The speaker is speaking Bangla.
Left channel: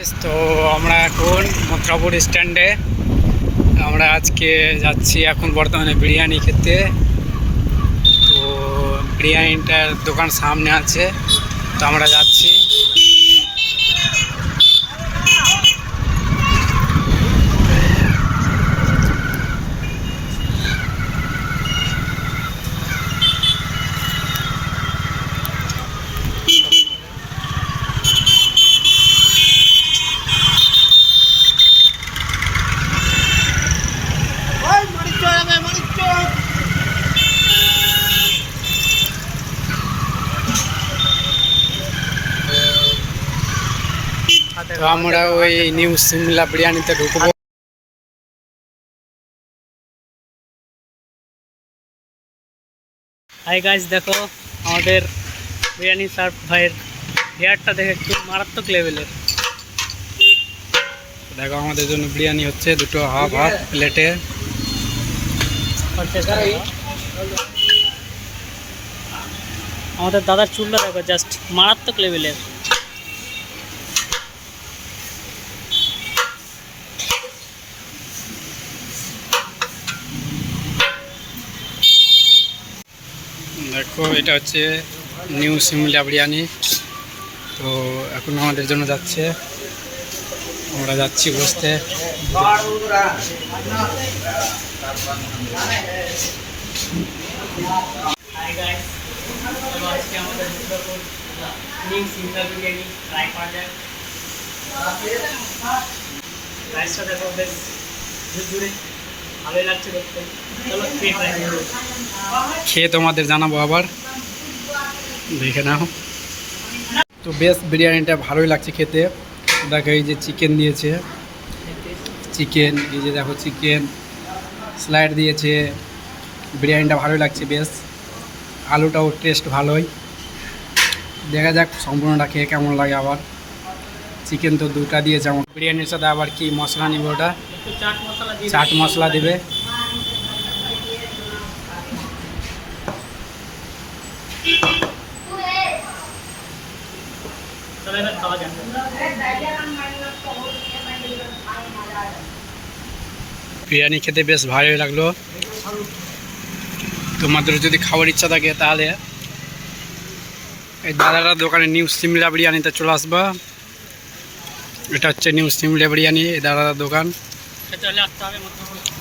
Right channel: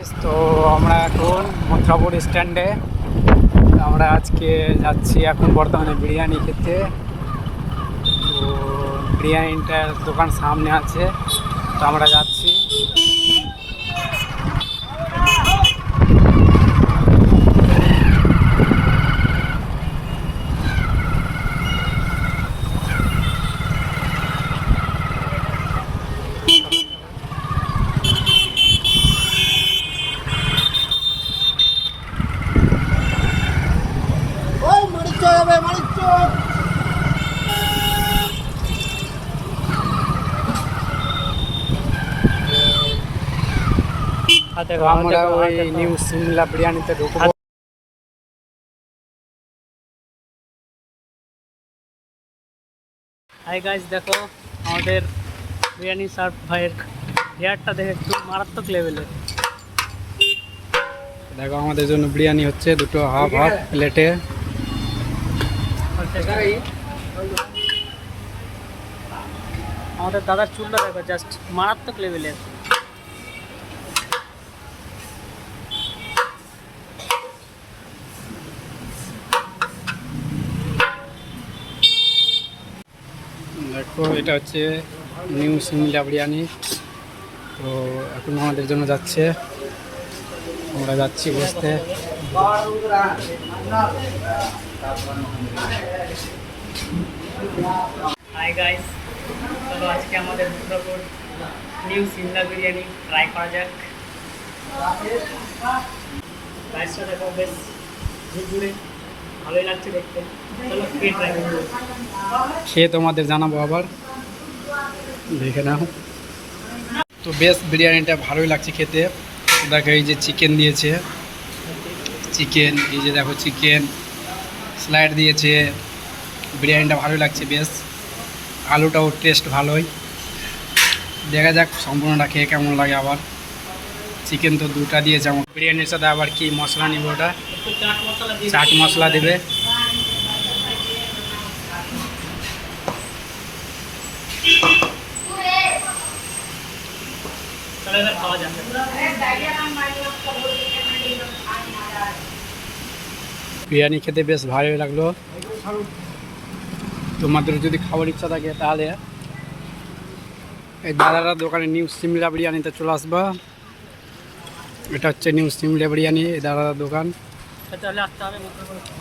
তো আমরা এখন মথুরাপুর স্ট্যান্ডে আমরা আজকে যাচ্ছি এখন বর্তমানে বিরিয়ানি খেতে। তো বিরিয়ানিটার দোকান সামনে আছে, তো আমরা যাচ্ছি। তো আমরা ওই নিউ সিমলা বিরিয়ানিতে ঢুকবো। হাই গাইস, দেখো আমাদের বিরিয়ানি সার্ভ ভাইয়ের হেয়ারটা দেখে একটু মারাত্মক লেভেলের। দেখো আমাদের জন্য বিরিয়ানি হচ্ছে দুটো হাফ হাফ প্লেটে। আমাদের দাদার চুলটা দেখো জাস্ট মারাত্মক লেভেলের। দেখো এটা হচ্ছে নিউ সিমলা বিরিয়ানি। তো এখন আমাদের জন্য যাচ্ছে, আমরা যাচ্ছি বসতে। হাই গাইস, চলো আজকে আমাদের মথুরাপুর নিউ সিমলা বিরিয়ানি ট্রাই করা যাক। রাইসটা দেখো বেশ ঝুরঝুরে, ভালোই লাগছে দেখতে। চলো খেয়ে ট্রাই করবো। খেয়ে তোমাদের জানাবো আবার, দেখে নাও। তো বেশ বিরিয়ানিটা ভালোই লাগছে খেতে। দেখো এই যে চিকেন দিয়েছে, চিকেন এই যে দেখো চিকেন স্লাইড দিয়েছে। বিরিয়ানিটা ভালোই লাগছে বেশ, আলুটাও টেস্ট ভালোই। দেখা যাক সম্পূর্ণটা খেয়ে কেমন লাগে। আবার চিকেন তো দুটা দিয়েছে। আমার বিরিয়ানির সাথে আবার কি মশলা নিব, ওটা একটু চাট মশলা দিয়ে চাট মশলা দেবে। চলো এবার খাওয়া যাক। বিরিয়ানি খেতে বেশ ভালোই লাগলো। তোমাদের যদি খাওয়ার ইচ্ছা থাকে তাহলে এই দাদারা দোকানে নিউ সিমলা বিরিয়ানিতে চলে আসবা। এটা হচ্ছে নিউ সিমলা বিরিয়ানি, এই দাদার দোকান। চলে আসতে হবে মথুরাপুর।